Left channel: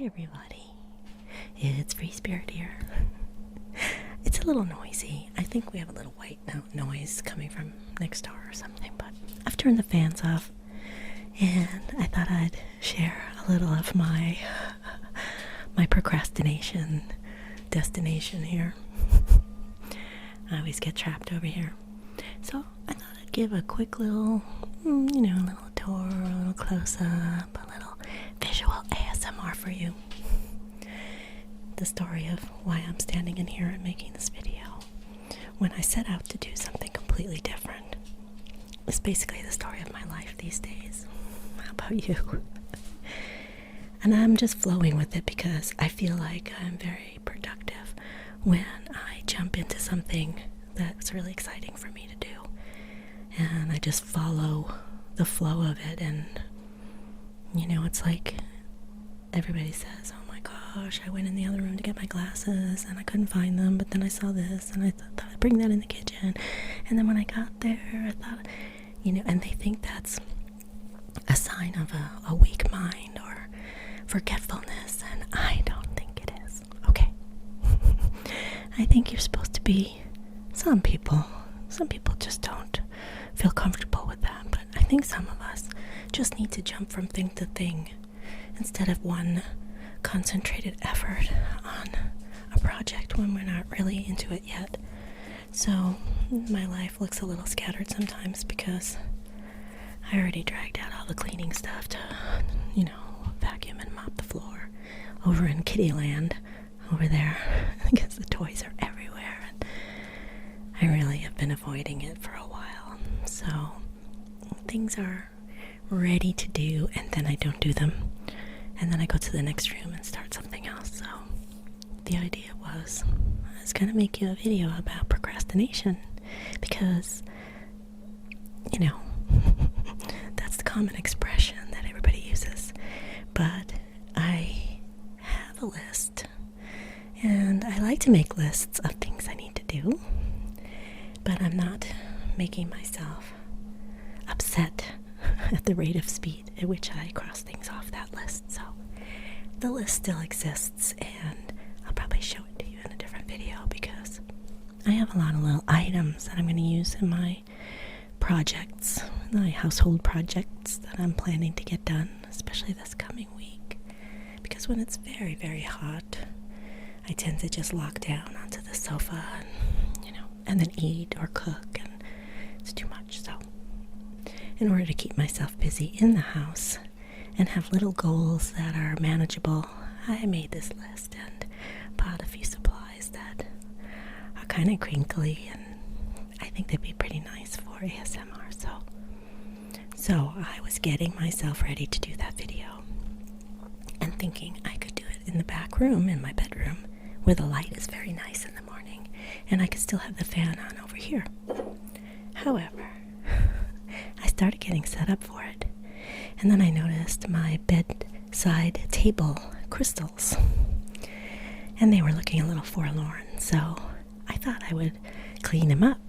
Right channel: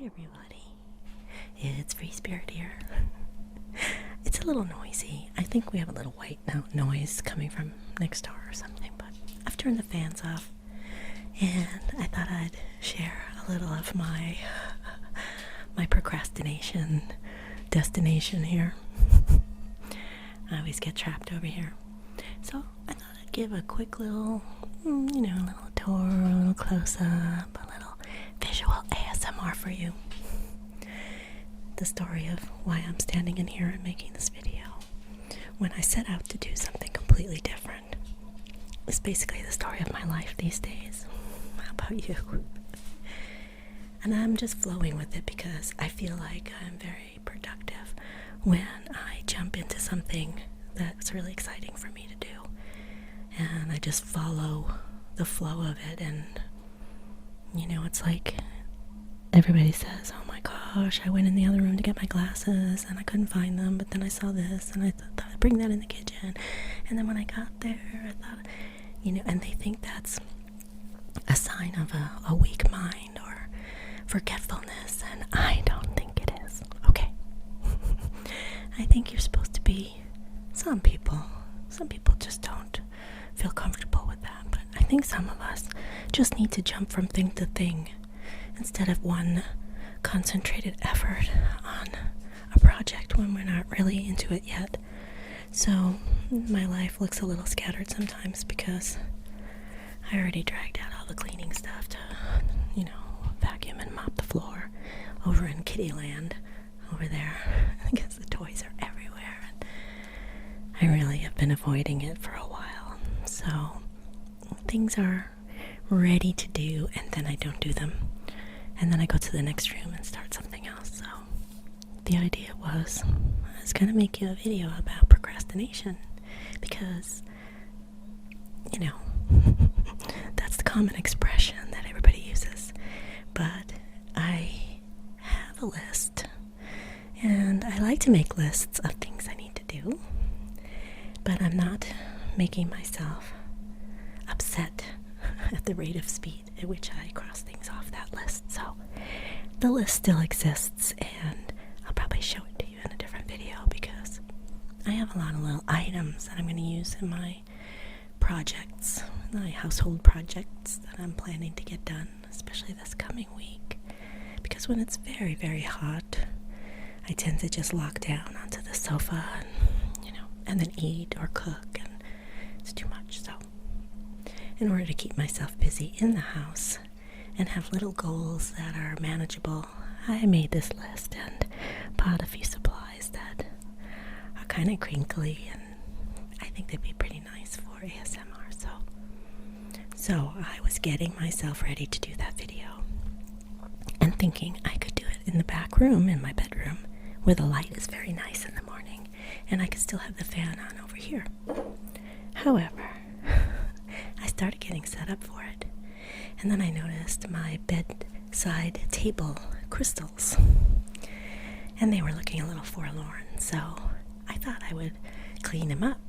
everybody. It's Free Spirit here. It's a little noisy. I think we have a little white noise coming from next door or something, but I've turned the fans off and I thought I'd share a little of my procrastination destination here. I always get trapped over here. So I thought I'd give a quick little, a little tour, a little close-up, a little visual ASMR for you. The story of why I'm standing in here and making this video when I set out to do something completely different. It's basically the story of my life these days. How about you? And I'm just flowing with it because I feel like I'm very productive when I jump into something that's really exciting for me to do. And I just follow the flow of it, and it's like everybody says, oh my gosh, I went in the other room to get my glasses and I couldn't find them, but then I saw this and I thought I'd bring that in the kitchen, and then when I got there I thought, and they think that's a sign of a weak mind or forgetfulness, and I don't think it is. Okay. I think you're supposed to be, some people just don't feel comfortable with that, but I think some of us just need to jump from thing to thing instead of one concentrated effort on a project when we're not really into it yet. So my life looks a little scattered sometimes because I already dragged out all the cleaning stuff to, vacuum and mop the floor over in Kitty Land over there because the toys are everywhere and I really have been avoiding it for a while. So things are ready to do and then I don't do them. And then I go to the next room and start something else. So the idea was I was going to make you a video about procrastination because, that's the common expression that everybody uses. But I have a list and I like to make lists of things I need to do, but I'm not making myself upset at the rate of speed at which I cross things off that list. So the list still exists and I'll probably show it to you in a different video because I have a lot of little items that I'm going to use in my projects, my household projects that I'm planning to get done, especially this coming week. Because when it's very, very hot, I tend to just lock down onto the sofa and, and then eat or cook, and it's too much. So in order to keep myself busy in the house and have little goals that are manageable, I made this list and bought a few supplies that are kind of crinkly and I think they'd be pretty nice for ASMR. So I was getting myself ready to do that video and thinking I could do it in the back room in my bedroom where the light is very nice in the morning and I could still have the fan on over here. However, I started getting set up for it, and then I noticed my bedside table crystals, and they were looking a little forlorn, so I thought I would clean them up,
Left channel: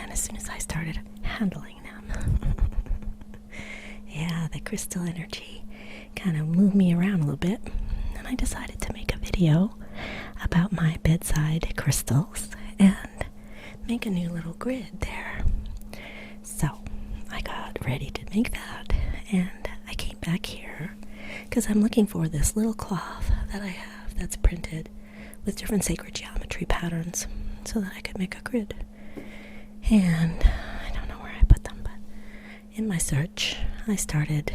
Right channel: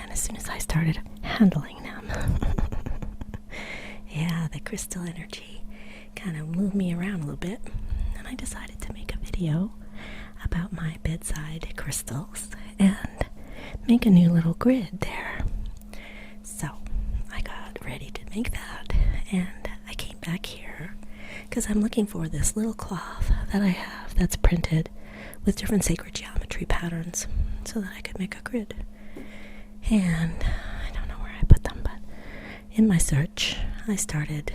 and as soon as I started handling them, the crystal energy kind of moved me around a little bit, and I decided to make a video about my bedside crystals and make a new little grid there. So I got ready to make that, and I came back here because I'm looking for this little cloth that I have that's printed with different sacred geometry patterns so that I could make a grid. And I don't know where I put them, but in my search I started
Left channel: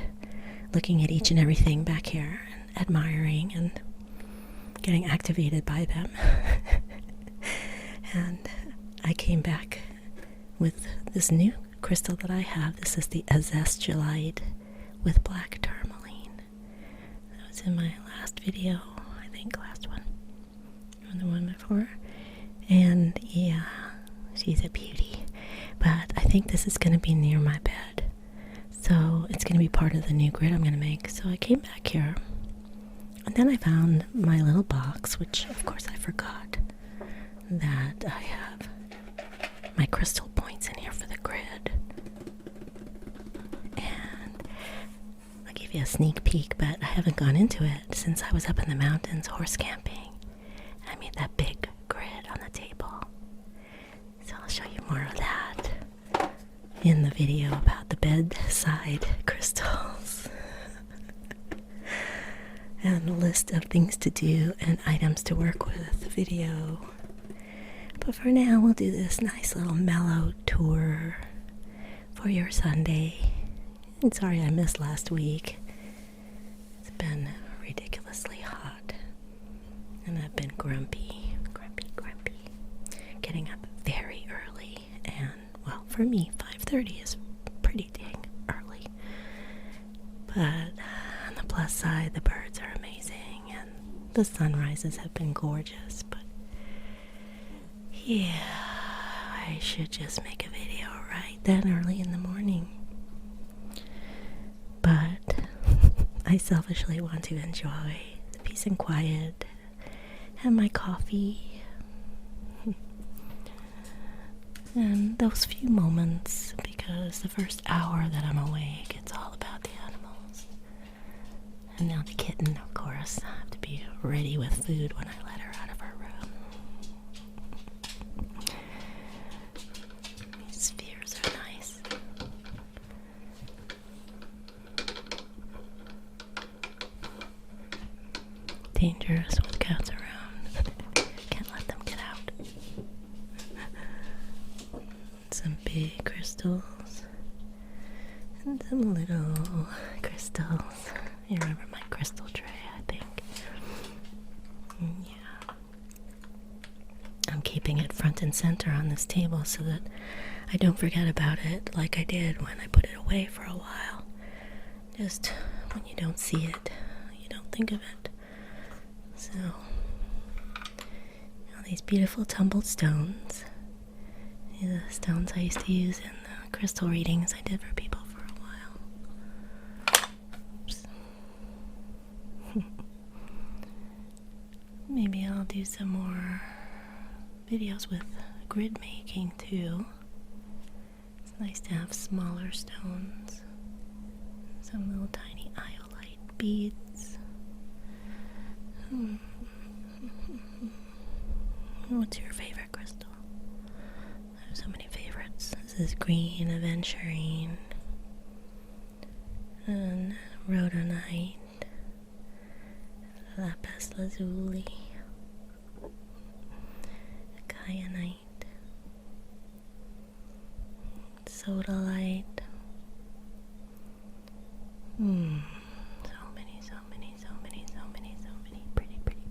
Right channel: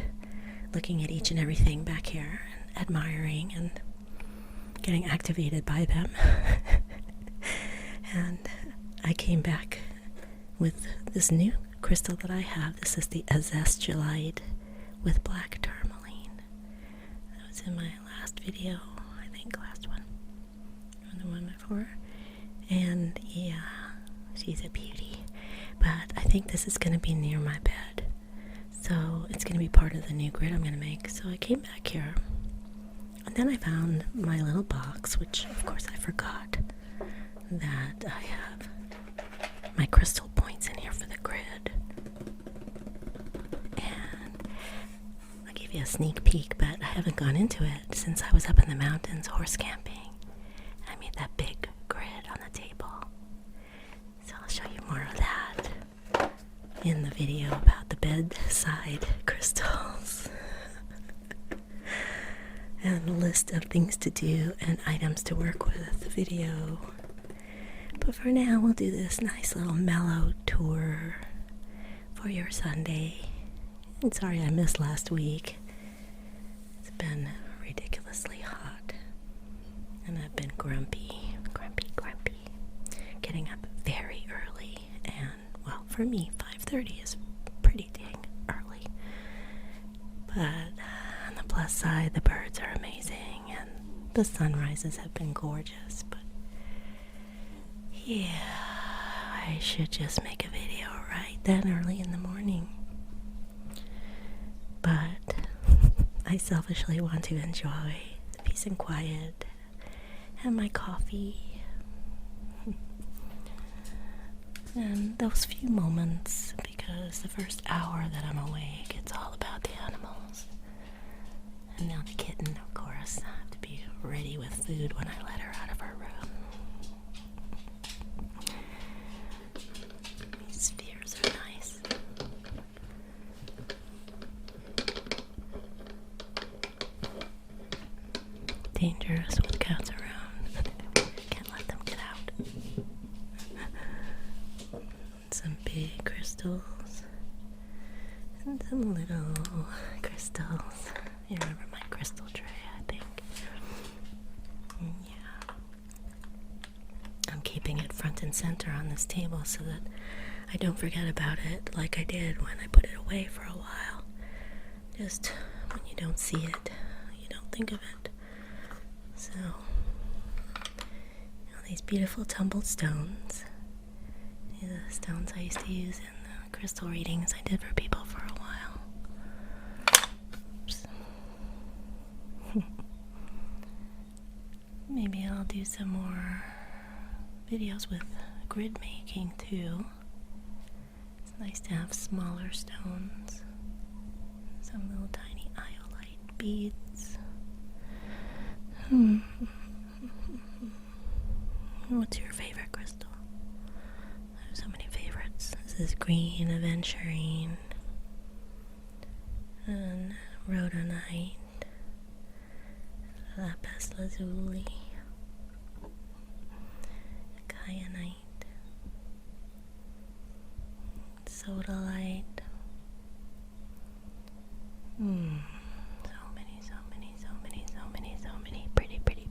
looking at each and everything back here and admiring and getting activated by them. And I came back with this new crystal that I have. This is the azestulite with black tourmaline. That was in my last video, I think last one, or the one before. And yeah, she's a beauty. But I think this is going to be near my bed, so it's going to be part of the new grid I'm going to make. So I came back here, and then I found my little box, which of course I forgot that I have my crystal points in here for the grid. And I'll give you you a sneak peek, but I haven't gone into it since I was up in the mountains horse camping. I made that big grid on the table. So I'll show you more of that in the video about the bedside crystals. And a list of things to do and items to work with video. But for now, we'll do this nice little mellow tour for your Sunday. And sorry I missed last week. It's been ridiculously hot. And I've been grumpy. Getting up very early. And, well, for me, 5:30 is pretty dang early. But on the plus side, the birds are amazing. And the sunrises have been gorgeous. But, yeah, I should just make a video right then early in the morning. But I selfishly want to enjoy the peace and quiet and my coffee and those few moments, because the first hour that I'm awake, it's all about the animals. And now the kitten, of course. I have to be ready with food when I let her out of her room. These spheres are nice. Dangerous with cats around. Can't let them get out. Some big crystals and some little crystals. You remember my crystal tray, I think. Yeah. I'm keeping it front and center on this table so that I don't forget about it like I did when I put it away for a while. Just when you don't see it, you don't think of it. So, all these beautiful tumbled stones. These are the stones I used to use in the crystal readings I did for people for a while. Oops. Maybe I'll do some more videos with grid making too. It's nice to have smaller stones. Some little tiny iolite beads. What's your favorite crystal? I have so many favorites. This is green aventurine and rhodonite, lapis lazuli, kyanite, sodalite.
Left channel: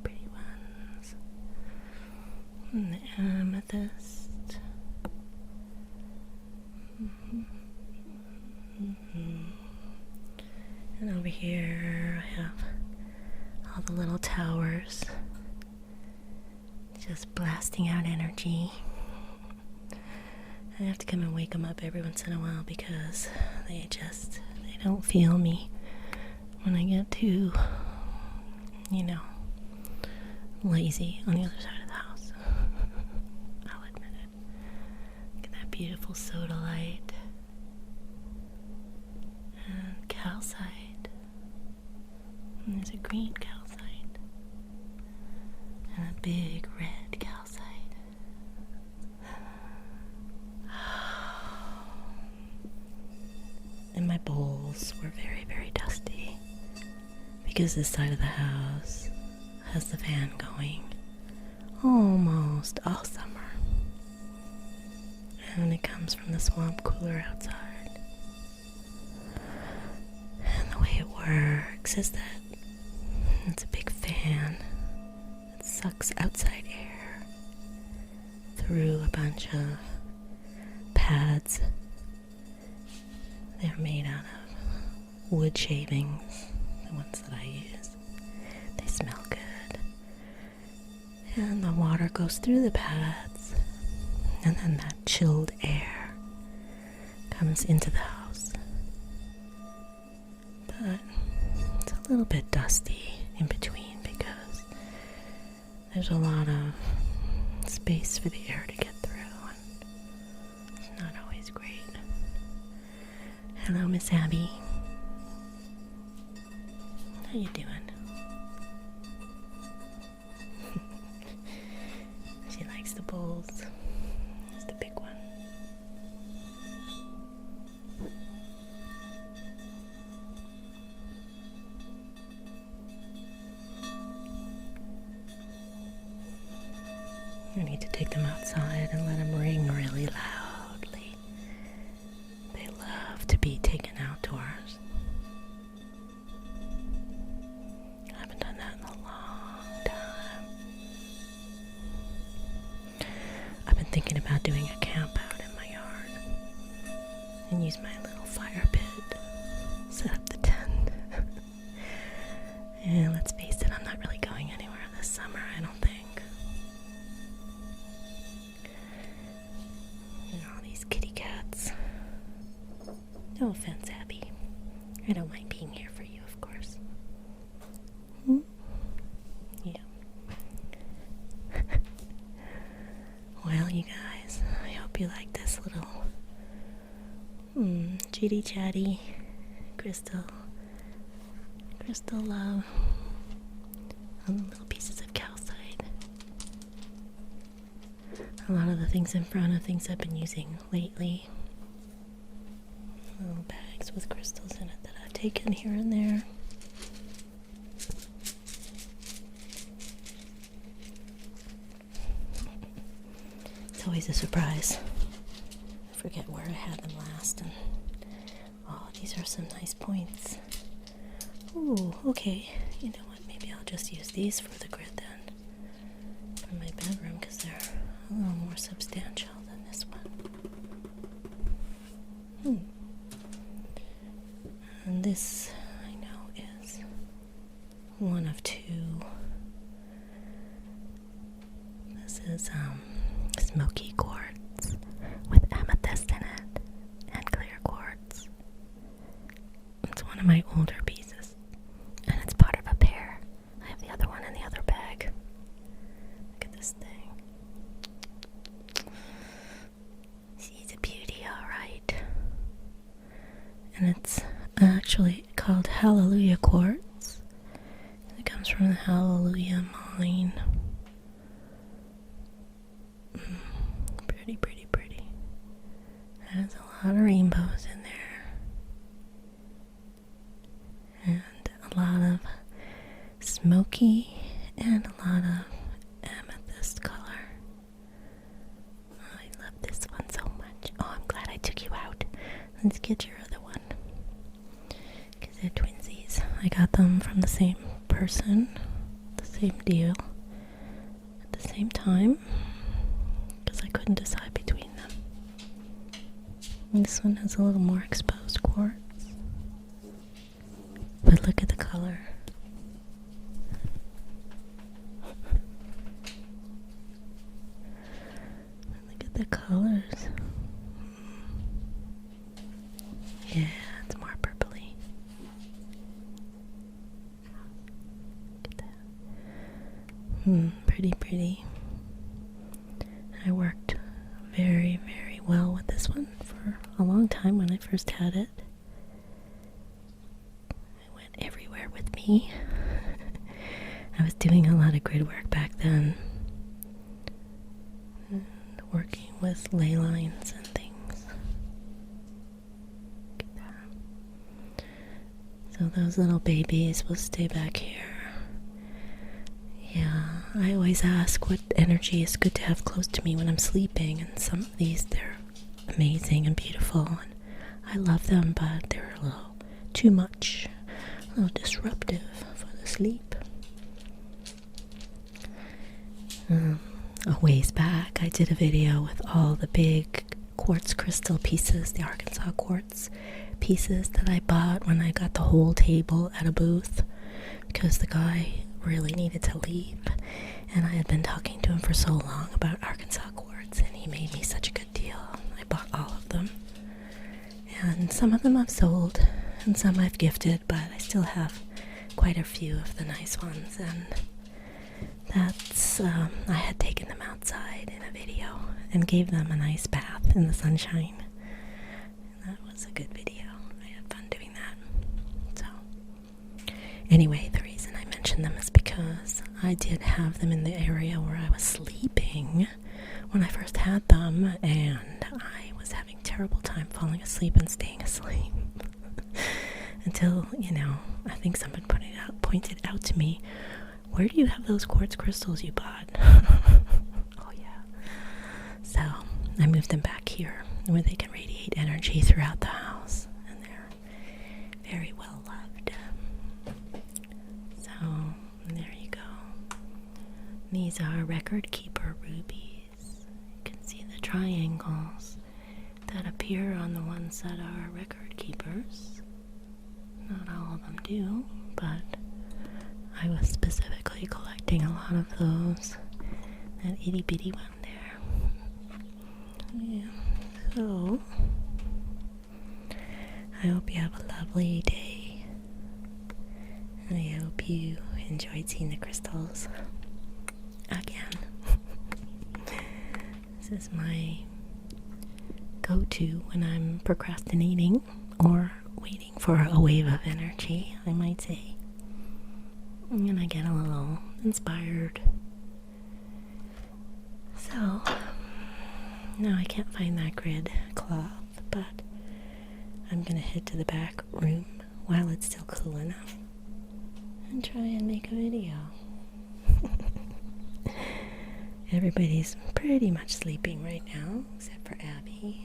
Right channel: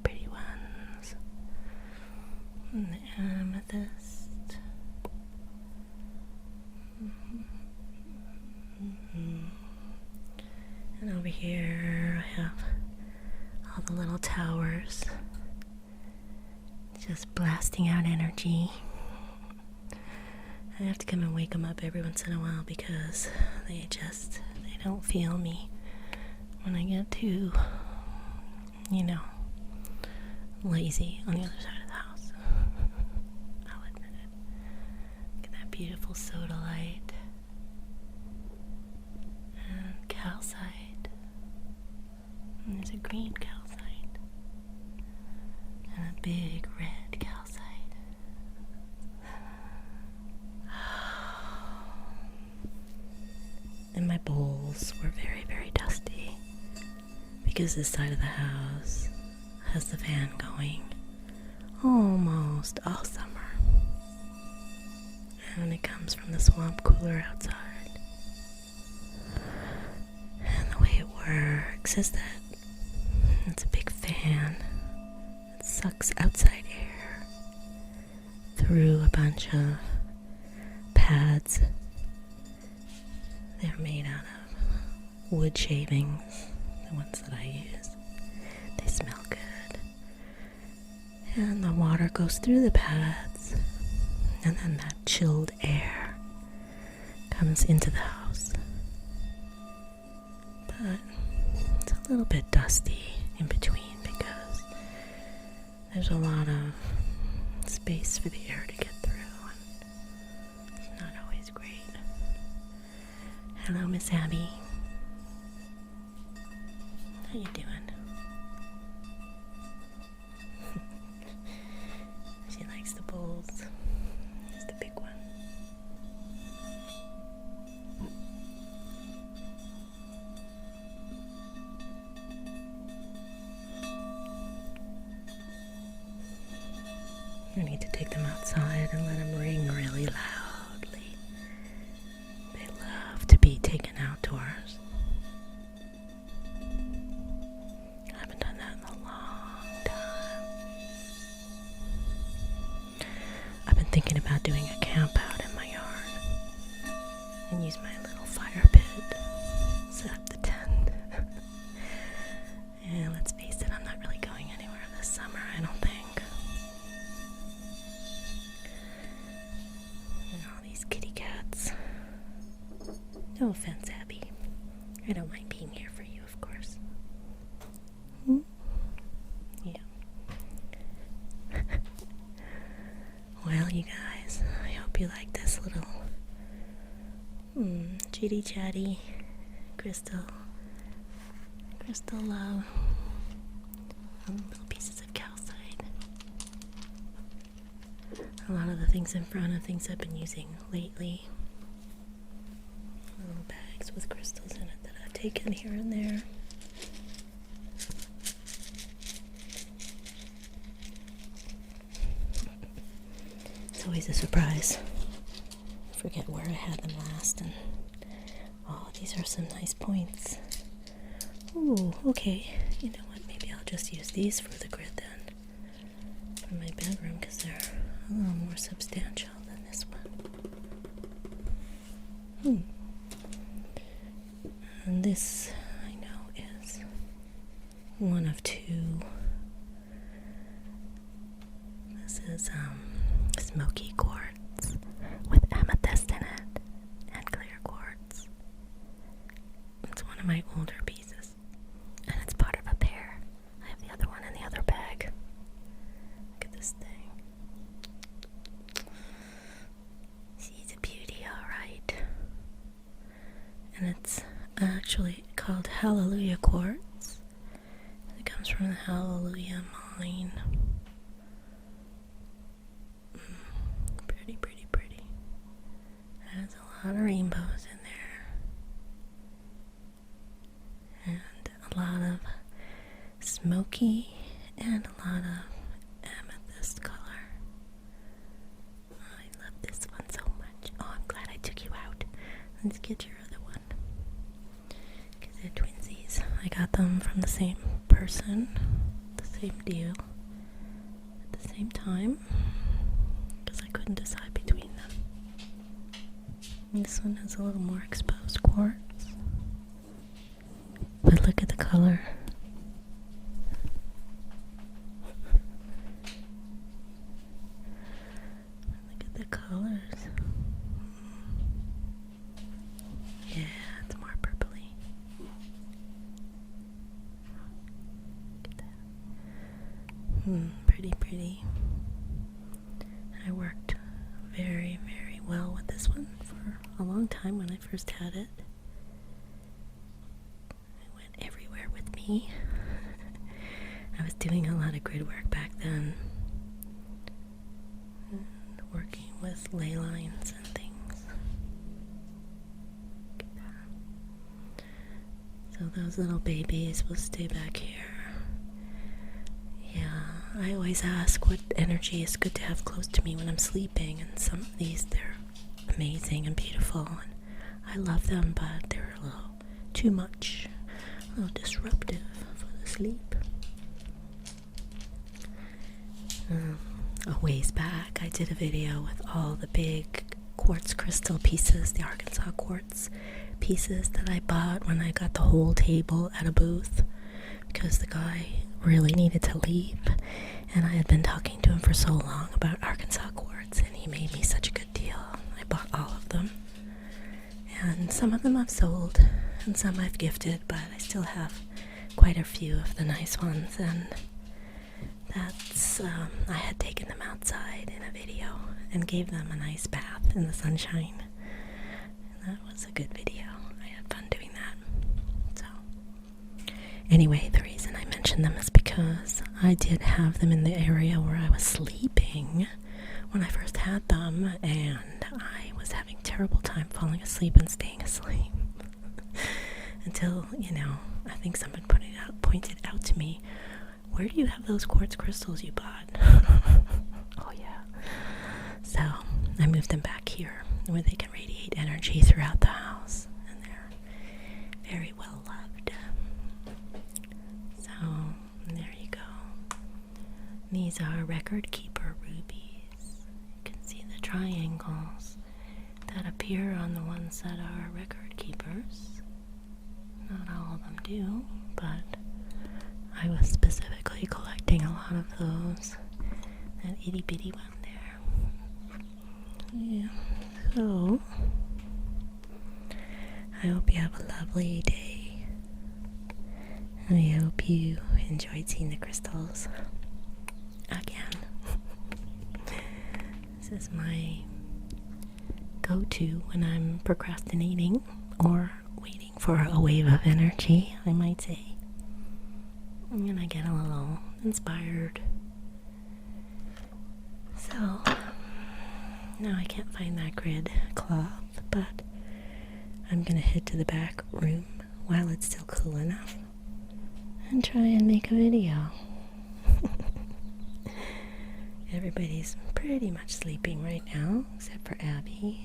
Pretty ones. And the amethyst. And over here I have all the little towers just blasting out energy. I have to come and wake them up every once in a while because they don't feel me when I get too, lazy on the other side of the house. I'll admit it. Look at that beautiful sodalite and calcite. And there's a green calcite and a big red calcite. And my bowls were very, very dusty because this side of the house has the fan going almost all summer. And it comes from the swamp cooler outside. And the way it works is that it's a big fan that sucks outside air through a bunch of pads. They're made out of wood shavings, the ones that I use. They smell good. And the water goes through the pads, and then that chilled air comes into the house. But it's a little bit dusty in between because there's a lot of space for the air to get through, and it's not always great. Hello, Miss Abby. How you doing? She likes the bowls. Here's the big one. I need to take them outside and let them ring really loudly. They love to be taken outdoors. I haven't done that in a long time. I've been thinking about doing a camp out in my yard and use my little fire pit, set up the tent. And let's face it, I'm not really going anywhere this summer, I don't think. And all these kitty cats. No offense, Abby. I don't mind being here for you, of course. Yeah. Well, you guys, I hope you like this little chitty chatty crystal little pieces of calcite. A lot of the things in front are things I've been using lately. Little bags with crystals in it that I've taken here and there. It's always a surprise. I forget where I had them last, and oh, these are some nice points. Ooh, okay. You know what? Maybe I'll just use these for the grid then. For my bedroom, because they're a little more substantial than this one. And this, I know, is one of two. This is smoky quartz with amethyst in it and clear quartz. It's one of my older pieces, and it's part of a pair. I have the other one in the other bag. Look at this thing. She's a beauty, alright. And it's actually called Hallelujah Quartz. It comes from the Hallelujah mine. Pretty, pretty, pretty. Has a lot of rainbows in there. And a lot of smoky and a lot of amethyst color. I love this one so much. Oh, I'm glad I took you out. Let's get your other one. Because they're twinsies. I got them from the same person. The same deal. At the same time. Because I couldn't decide between them. And this one has a little more exposed quartz. But look at the color. Look at the colors. Yeah, it's more purpley. Look at that. Pretty, pretty. I worked very, very well with this one for a long time when I first had it. It went everywhere with me. I was doing a lot of grid work back then. And working with ley lines and things. Look at that. So those little babies will stay back here. Yeah, I always ask what energy is good to have close to me when I'm sleeping, and some of these, they're amazing and beautiful, and I love them, but they're a little too much, a little disruptive for the sleep. A ways back, I did a video with all the big quartz crystal pieces, the Arkansas quartz pieces that I bought when I got the whole table at a booth, because the guy really needed to leave, and I had been talking to him for so long about Arkansas quartz, and he made me such a good deal. I bought all of them, and some of them I've sold, and some I've gifted, but I still have quite a few of the nice ones, and that's, I had taken them outside in a video, and gave them a nice bath in the sunshine, and that was a good video. I had fun doing that. So Anyway, the reason I mentioned them is because I did have them in the area where I was sleeping when I first had them, and I was having terrible time falling asleep and staying asleep. Until, I think someone pointed out to me, where do you have those quartz crystals you bought? Oh yeah. So I moved them back here where they can radiate energy throughout the house, and they're very well loved. So there you go. These are record keeper rubies. You can see the triangles that appear on the ones that are record keepers. Not all of them do, but I was specifically collecting a lot of those. That itty bitty one there. Yeah. So I hope you have a lovely day. I hope you enjoyed seeing the crystals again. This is my go-to when I'm procrastinating or waiting for a wave of energy, I might say. And I get a little inspired. So now I can't find that grid cloth, but I'm gonna head to the back room while it's still cool enough and try and make a video. Everybody's pretty much sleeping right now, except for Abby.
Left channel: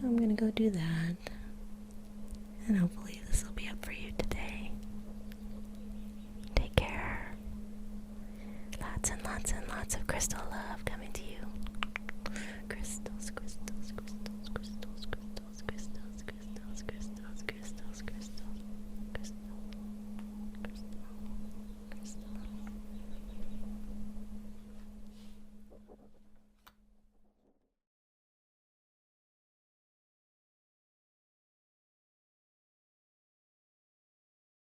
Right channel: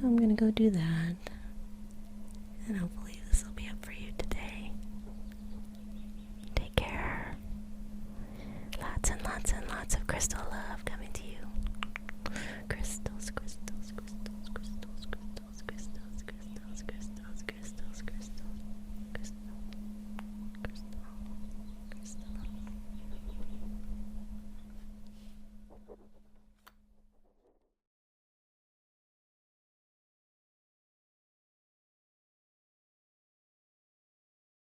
So I'm gonna go do that, and hopefully this will be up for you today. Take care. Lots and lots and lots of crystal love coming to you.